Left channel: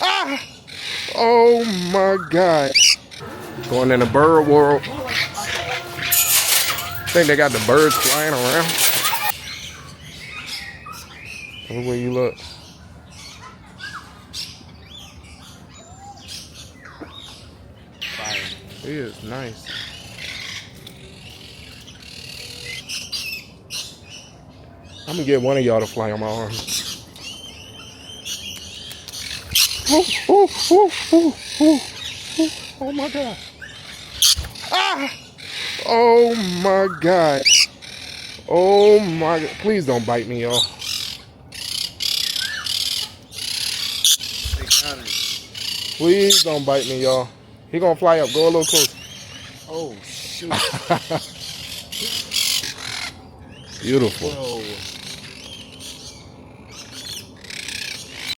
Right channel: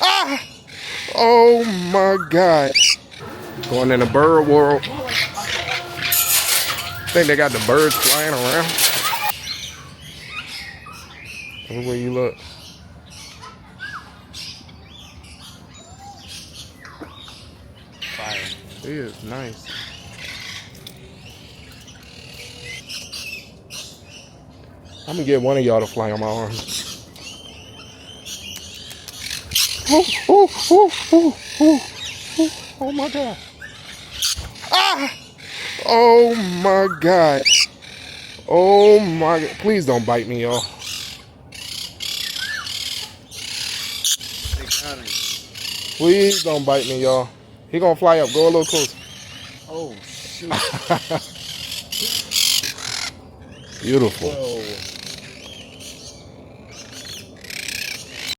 Ah! Oh my God. Going in the bird world. Think they got the birds flying around. Everywhere you look. It is nice. I'm gonna get one of y'all to fly on my arm. Oh, oh, oh, oh, oh, oh, oh my God. Ah! Oh my God. Oh my God. Please don't bite me, y'all. Please don't bite me, y'all. He gonna fly up. Go a little closer. Oh, shoot. Beautiful. Whoa.